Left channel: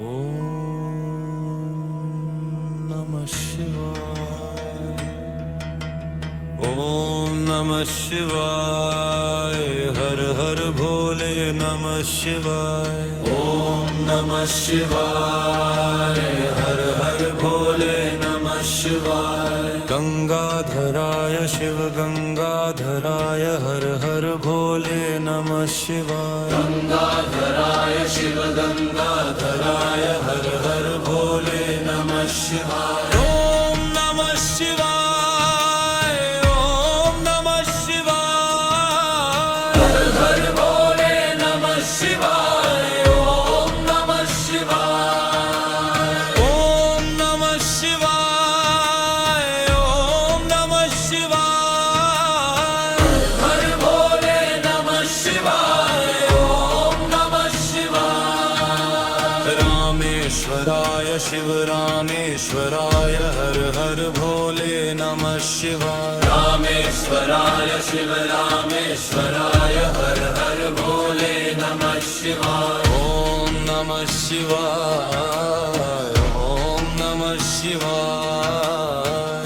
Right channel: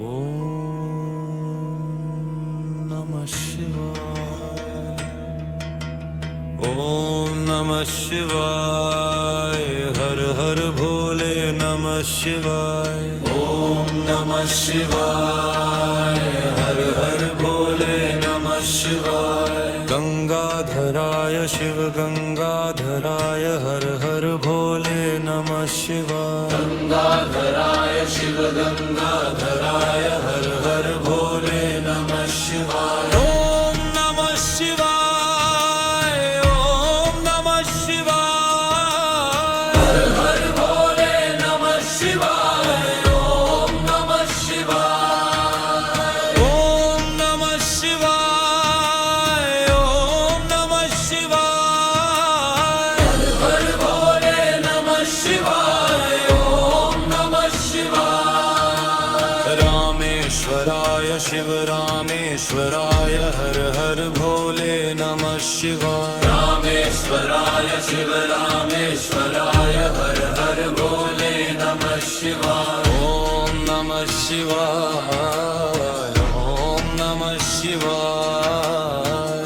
Om Namah Shivaya. Om Namah Shivaya. Har Har Bhole Namah Shivaya. Om Namah Shivaya. Har Har Bhole Namah Shivaya. Gangadharaya Shiv Gangadharaya. Har Har Bhole Namah Shivaya. Gangadharaya Shiv Gangadharaya. Har Har Bhole Namah Shivaya. Om Namah Shivaya. Om Namah Shivaya. Har Har Bhole Namah Shivaya. Om Namah Shivaya. Om Namah Shivaya. Om Namah Shivaya. Har Har Bhole Namah Shivaya. Om Namah Shivaya. Rameshwaraya Shiv Rameshwaraya. Har Har Bhole Namah Shivaya. Rameshwaraya Shiv Rameshwaraya. Har Har Bhole Namah Shivaya. Om Namah Shivaya. Om Namah Shivaya.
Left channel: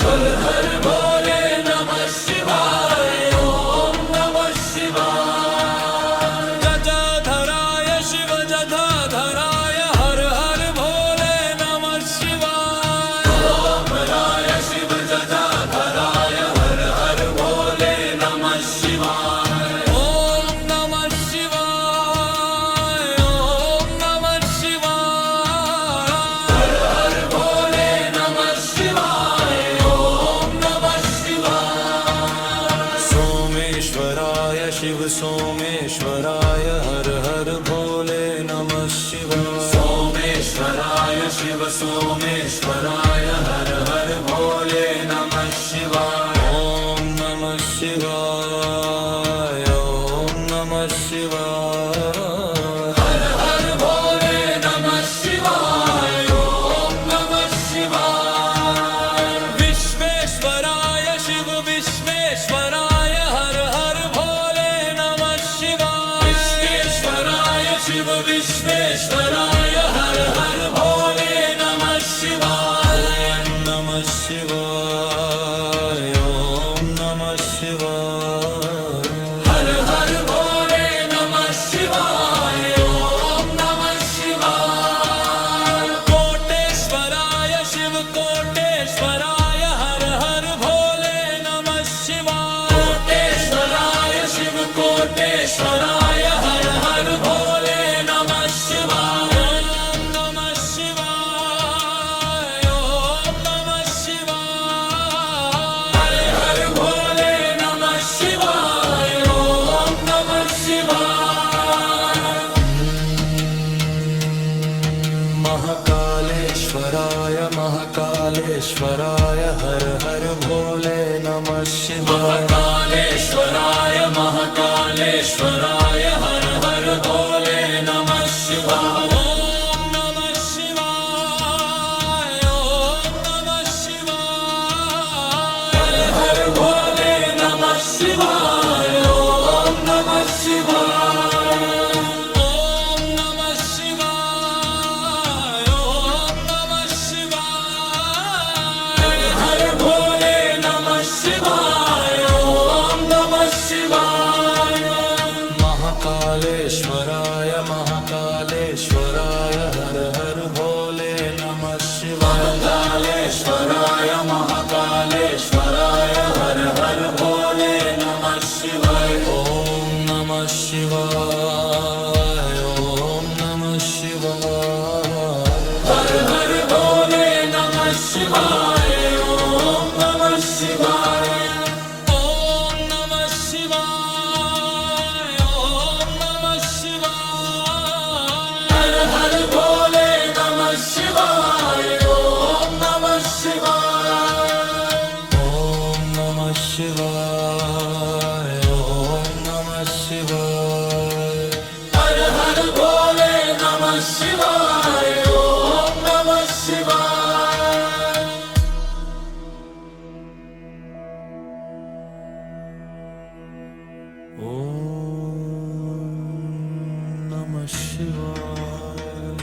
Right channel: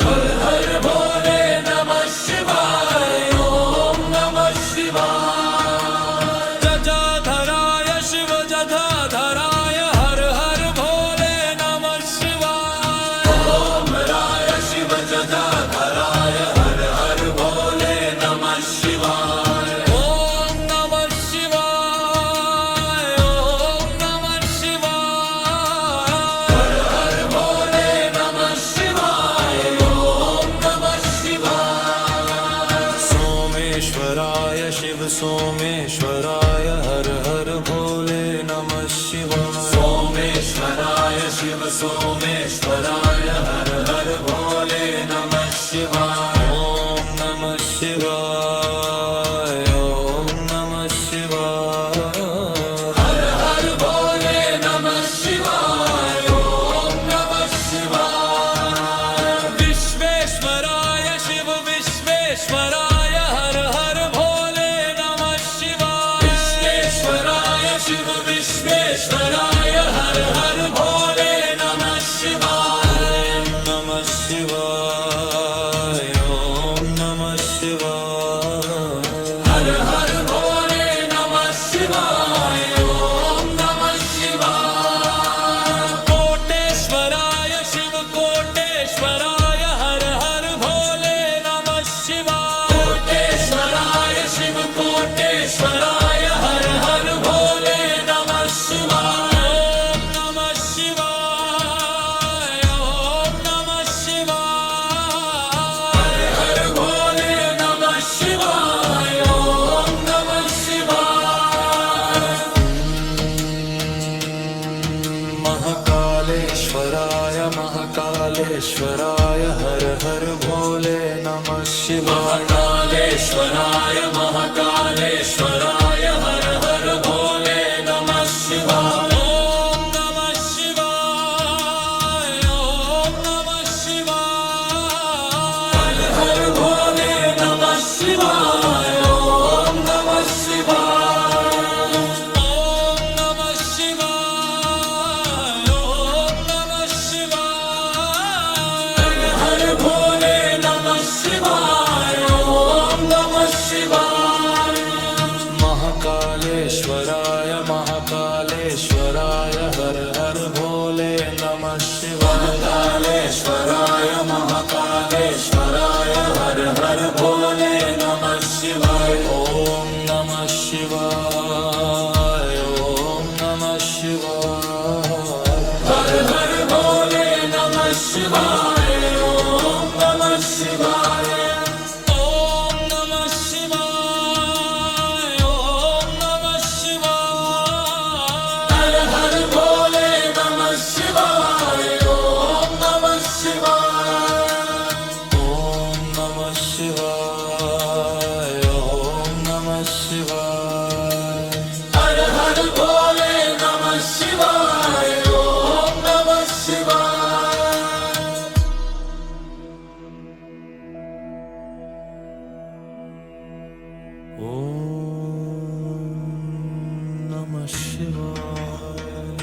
Har Har Bhole Namah Shivaya. Om Namah Shivaya. Jajadharaya Shiv Jajadharaya. Har Har Bhole Namah Shivaya. Om Raya Shiv Jajadharaya. Har Har Bhole Namah Shivaya. Om Namah Shivaya. Om Namah Shivaya. Har Har Bhole Namah Shivaya. Om Namah Shivaya. Someshwaraya Shiv Someshwaraya. Har Har Bhole Namah Shivaya. Someshwaraya Shiv Someshwaraya. Har Har Bhole Namah Shivaya. Om Namah Shivaya. Om Namah Shivaya. Har Har Bhole Namah Shivaya. Om Namah Shivaya. Vishveshwaraya Shiv Vishveshwaraya. Har Har Bhole Namah Shivaya. Vishveshwaraya Shiv Vishveshwaraya. Har Har Bhole Namah Shivaya. Om Namah Shivaya. Om Namah Shivaya. Har Har Bhole Namah Shivaya. Om Namah Shivaya. Koteshwaraya Shiv Koteshwaraya. Har Har Bhole Namah Shivaya. Koteshwaraya Shiv Koteshwaraya. Har Har Bhole Namah Shivaya. Om Namah Shivaya. Om Namah Shivaya. Har Har Bhole Namah Shivaya. Om Namah Shivaya. Mahakaleshwaraya Mahakaleshwaraya. Har Har Bhole Namah Shivaya. Mahakaleshwaraya Mahakaleshwaraya. Har Har Bhole Namah Shivaya. Om Namah Shivaya. Om Namah Shivaya. Har Har Bhole Namah Shivaya. Om Namah Shivaya. Om Namah Shivaya. Om Namah Shivaya. Har Har Bhole Namah Shivaya. Om Namah Shivaya. Mahakaleshwaraya Mahakaleshwaraya. Har Har Bhole Namah Shivaya. Mahakaleshwaraya Mahakaleshwaraya. Har Har Bhole Namah Shivaya. Om Namah Shivaya. Om Namah Shivaya. Har Har Bhole Namah Shivaya. Om Namah Shivaya. Om Namah Shivaya. Om Namah Shivaya. Har Har Bhole Namah Shivaya. Om Namah Shivaya. Om Namah Shivaya. Om Namah Shivaya. Har Har Bhole Namah Shivaya. Om Namah Shivaya. Om Namah Shivaya.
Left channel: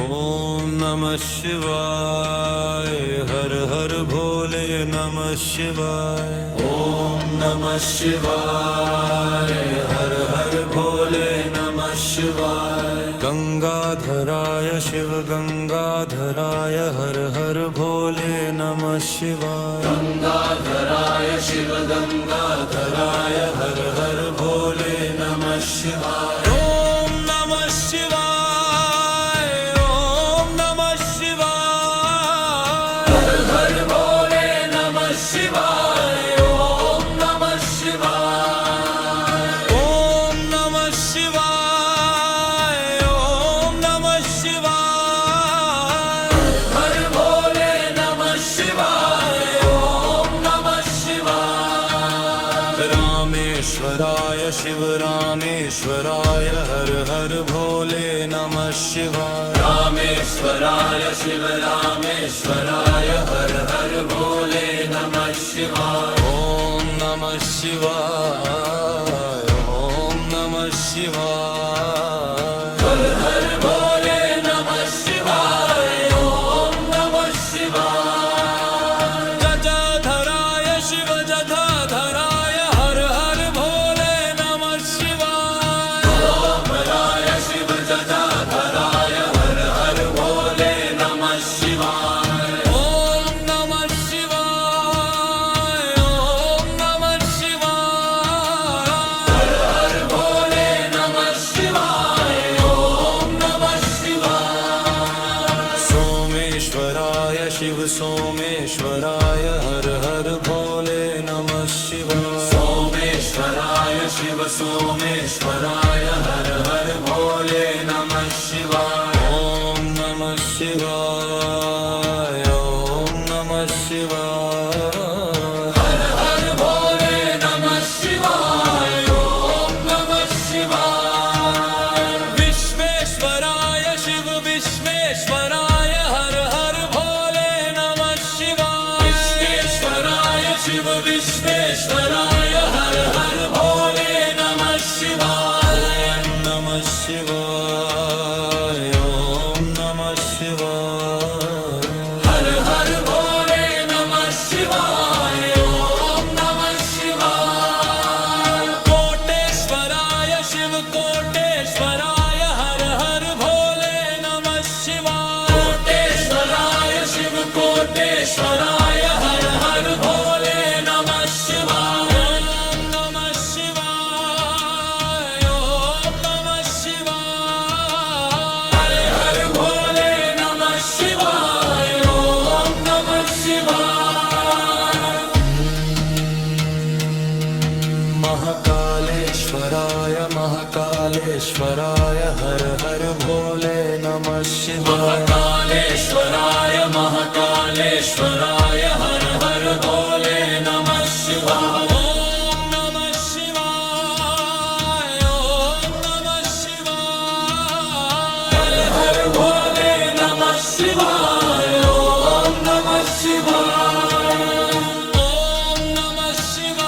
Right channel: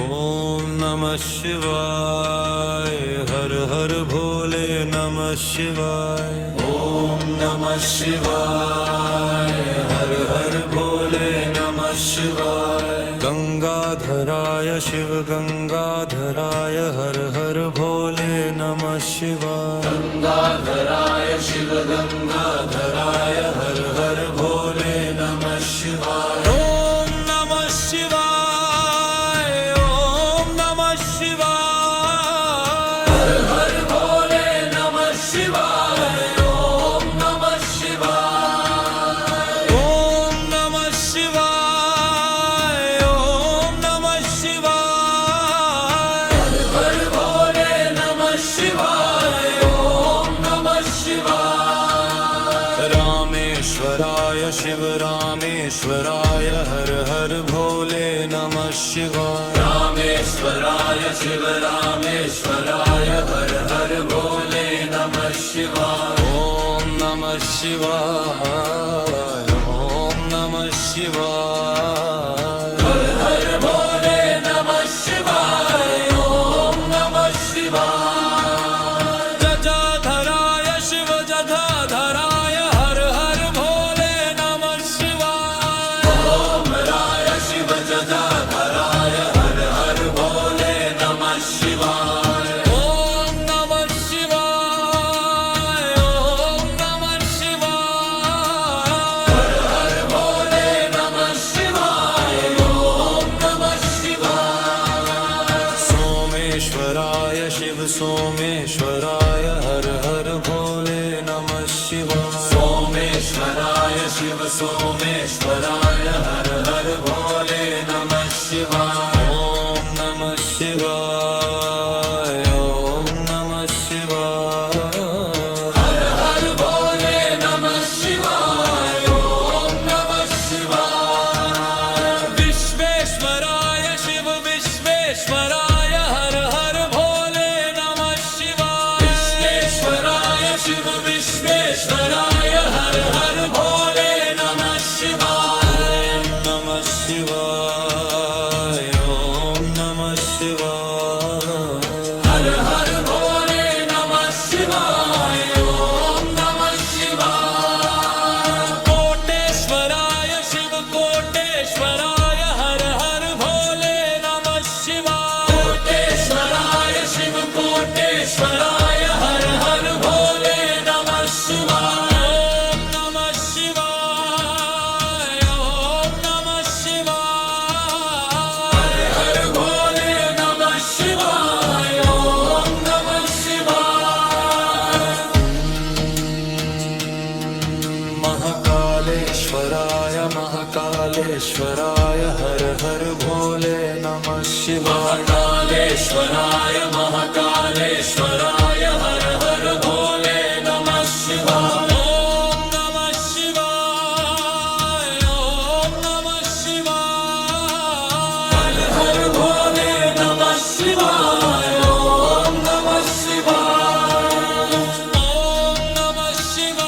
ओम नमः शिवाय हर हर भोले नमः शिवाय ओम नमः शिवाय हर हर भोले नमः शिवाय गंगाधराय शिव गंगाधराय हर हर भोले नमः शिवाय गंगाधराय शिव गंगाधराय हर हर भोले नमः शिवाय ओम नमः शिवाय ओम नमः शिवाय हर हर भोले नमः शिवाय ओम नमः शिवाय ओम नमः शिवाय ओम नमः शिवाय हर भोले नमः शिवाय ओम नमः शिवाय रामेश्वराय शिव रामेश्वराय हर हर भोले नमः शिवाय रामेश्वराय शिव रामेश्वराय हर हर भोले नमः शिवाय ओम नमः शिवाय ओम नमः शिवाय हर हर भोले नमः शिवाय ओम नमः शिवाय जटाधराय शिव जटाधराय हर हर भोले नमः शिवाय रामराय शिव जटाधराय हर हर भोले नमः शिवाय ओम नमः शिवाय ओम नमः शिवाय हर हर भोले नमः शिवाय ओम नमः शिवाय सोमेश्वराय शिव सोमेश्वराय हर हर भोले नमः शिवाय सोमेश्वराय शिव सोमेश्वराय हर हर भोले नमः शिवाय ओम नमः शिवाय ओम नमः शिवाय हर हर भोले नमः शिवाय ओम नमः शिवाय विश्वेश्वराय शिव विश्वेश्वराय हर हर भोले नमः शिवाय विश्वेश्वराय शिव विश्वेश्वराय हर हर भोले नमः शिवाय ओम नमः शिवाय ओम नमः शिवाय हर हर भोले नमः शिवाय ओम नमः शिवाय कोटेश्वराय शिव कोटेश्वराय हर हर भोले नमः शिवाय कोटेश्वराय शिव कोटेश्वराय हर हर भोले नमः शिवाय ओम नमः शिवाय ओम नमः शिवाय हर हर भोले नमः शिवाय ओम नमः शिवाय महाकालेश्वराय महाकालेश्वराय हर हर भोले नमः शिवाय महाकालेश्वराय महाकालेश्वराय हर हर भोले नमः शिवाय ओम नमः शिवाय ओम नमः शिवाय हर हर भोले नमः शिवाय ओम नमः शिवाय ओम नमः शिवाय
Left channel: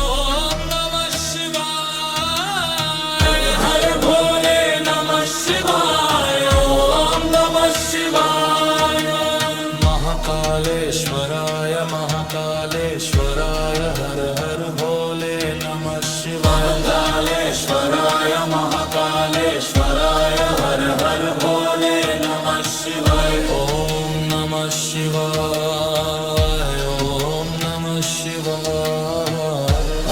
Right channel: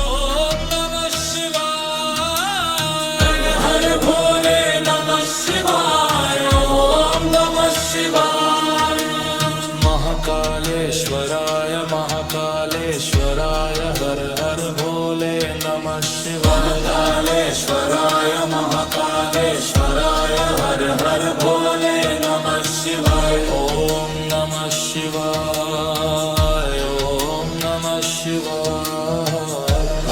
ओम नमः शिवाय हर भोले नमः शिवाय ओम नमः शिवाय महाकालेश्वराय महाकालेश्वराय हर हर भोले नमः शिवाय कालेश्वराय महाकालेश्वराय हर हर भोले नमः शिवाय ओम नमः शिवाय ओम नमः शिवाय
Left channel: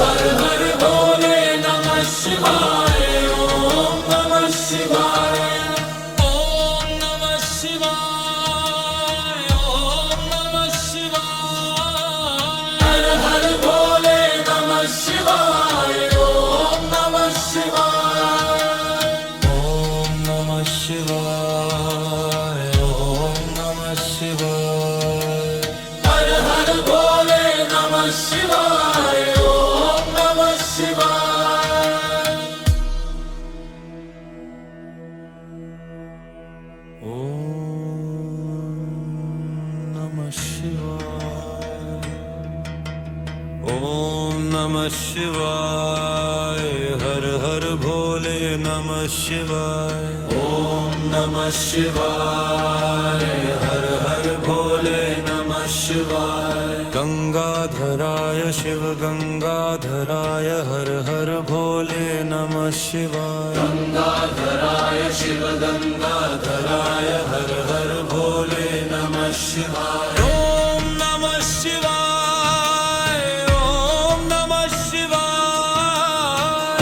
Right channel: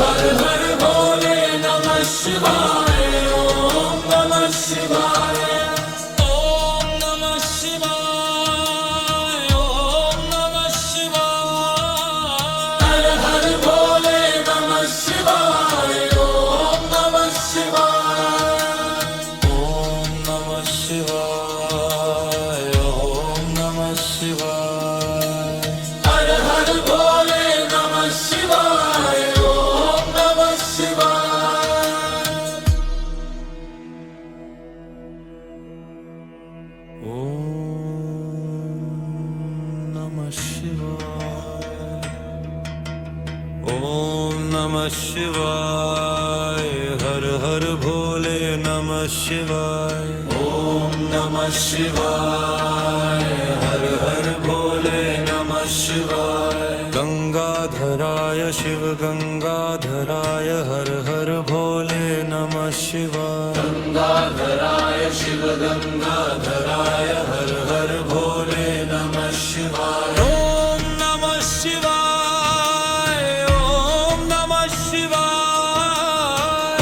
हर हर भोले नमः शिवाय ओम नमः शिवाय ओम नमः शिवाय ओम नमः शिवाय हर हर भोले नमः शिवाय ओम नमः शिवाय ओम नमः शिवाय ओम नमः शिवाय हर हर भोले नमः शिवाय ओम नमः शिवाय ओम नमः शिवाय ओम नमः शिवाय हर हर भोले भोले नमः शिवाय। ओम नमः शिवाय। हर हर भोले नमः शिवाय। गंगाधराय शिव गंगाधराय हर हर भोले नमः शिवाय। गंगाधराय शिव गंगाधराय हर हर भोले नमः शिवाय। ओम नमः शिवाय। ओम नमः शिवाय।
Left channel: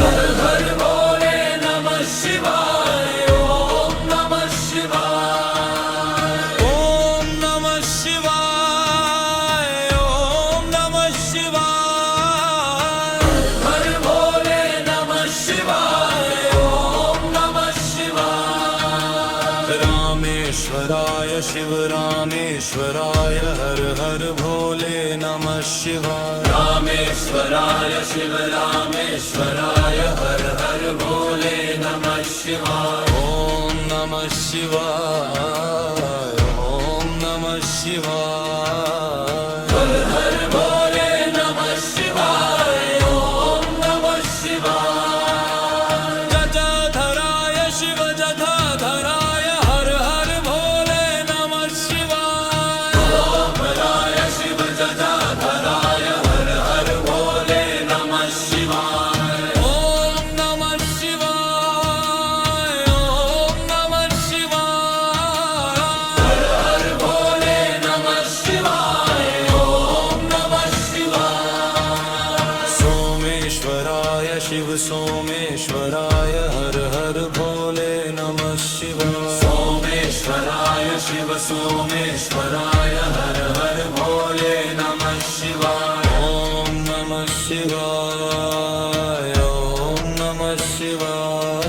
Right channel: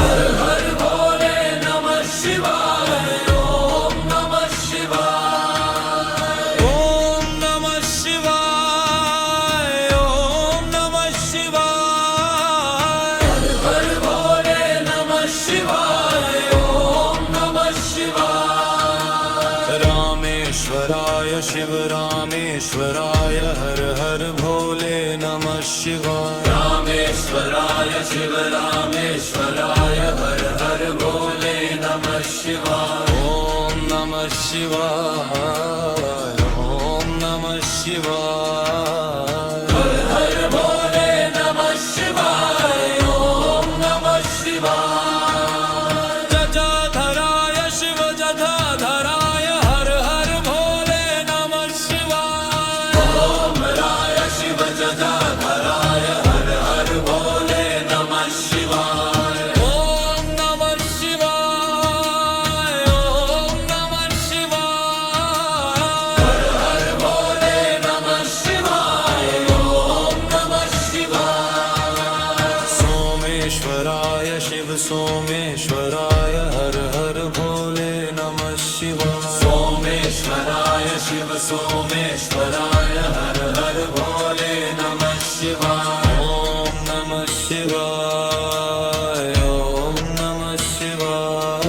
हर हर भोले नमः शिवाय। ओम नमः शिवाय। ओम नमः शिवाय। ओम नमः शिवाय। हर हर भोले नमः शिवाय। ओम नमः शिवाय। रामेश्वराय शिव रामेश्वराय हर हर भोले नमः शिवाय। रामेश्वराय शिव रामेश्वराय हर हर भोले नमः शिवाय। ओम नमः शिवाय। ओम नमः शिवाय। हर हर भोले नमः शिवाय। ओम नमः शिवाय। जटाधराय शिव जटाधराय हर हर भोले नमः शिवाय। रामराय शिव जटाधराय हर हर भोले नमः शिवाय। ओम नमः शिवाय। ओम नमः शिवाय। हर हर भोले नमः शिवाय। ओम नमः शिवाय। सोमेश्वराय शिव सोमेश्वराय हर हर भोले नमः शिवाय। सोमेश्वराय शिव सोमेश्वराय हर हर भोले नमः शिवाय। ओम नमः शिवाय। ओम नमः शिवाय।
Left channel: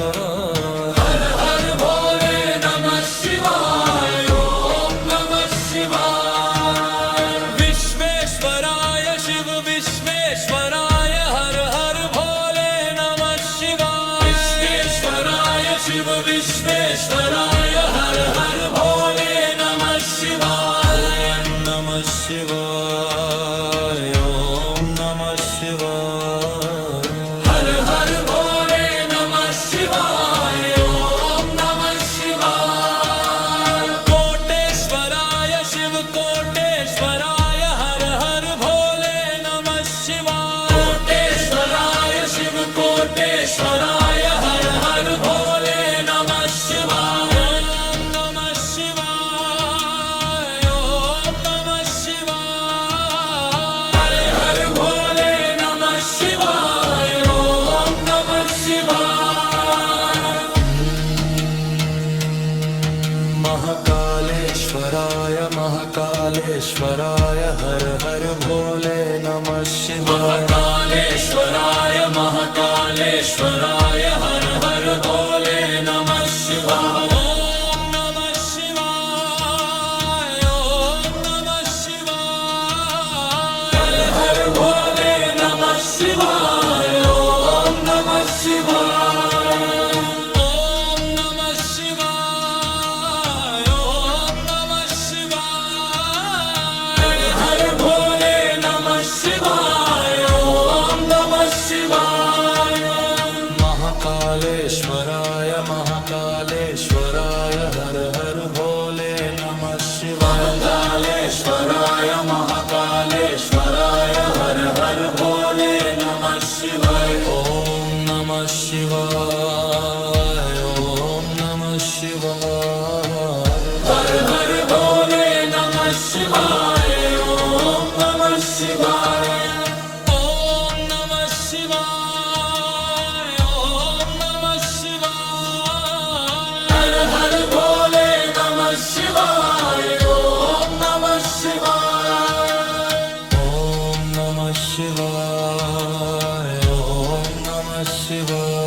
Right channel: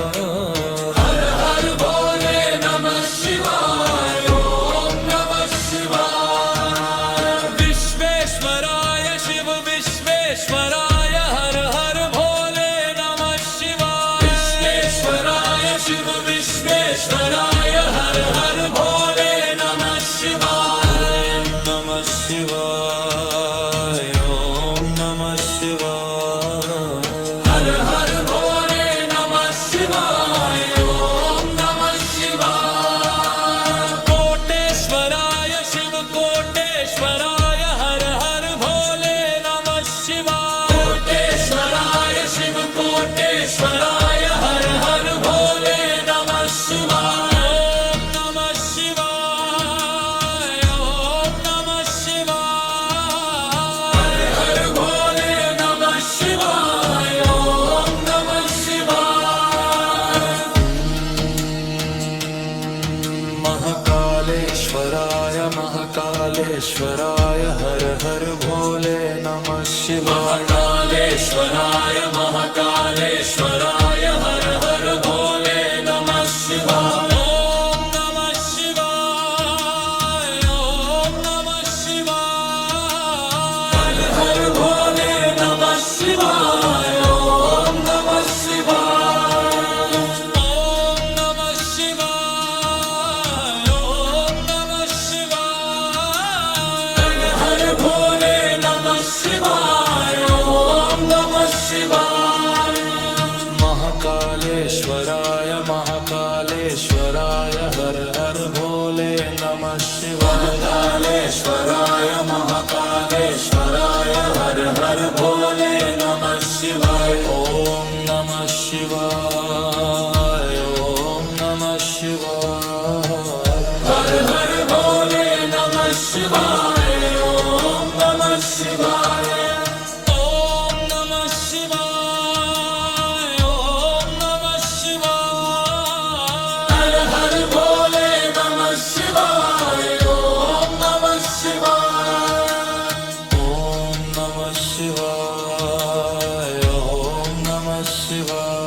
हर हर भोले नमः शिवाय। ओम नमः शिवाय। विश्वेश्वराय शिव विश्वेश्वराय हर हर भोले नमः शिवाय। विश्वेश्वराय शिव विश्वेश्वराय हर हर भोले नमः शिवाय। ओम नमः शिवाय। ओम नमः शिवाय। हर हर भोले नमः शिवाय। ओम नमः शिवाय। कोटेश्वराय शिव कोटेश्वराय हर हर भोले नमः शिवाय। कोटेश्वराय शिव कोटेश्वराय हर हर भोले नमः शिवाय। ओम नमः शिवाय। ओम नमः शिवाय। हर हर भोले नमः शिवाय। ओम नमः शिवाय। महाकालेश्वराय महाकालेश्वराय हर हर भोले नमः शिवाय। महाकालेश्वराय महाकालेश्वराय हर हर भोले नमः शिवाय। ओम नमः शिवाय। ओम नमः शिवाय। हर हर भोले नमः शिवाय। ओम नमः शिवाय। ओम नमः शिवाय। ओम नमः शिवाय। हर भोले नमः शिवाय। ओम नमः शिवाय। महाकालेश्वराय महाकालेश्वराय हर हर भोले नमः शिवाय। कालेश्वराय महाकालेश्वराय हर हर भोले नमः शिवाय। ओम नमः शिवाय। ओम नमः शिवाय। हर हर भोले नमः शिवाय। ओम नमः शिवाय। ओम नमः शिवाय। ओम नमः शिवाय। हर हर भोले नमः शिवाय। ओम नमः शिवाय। ओम नमः शिवाय। ओम नमः शिवाय।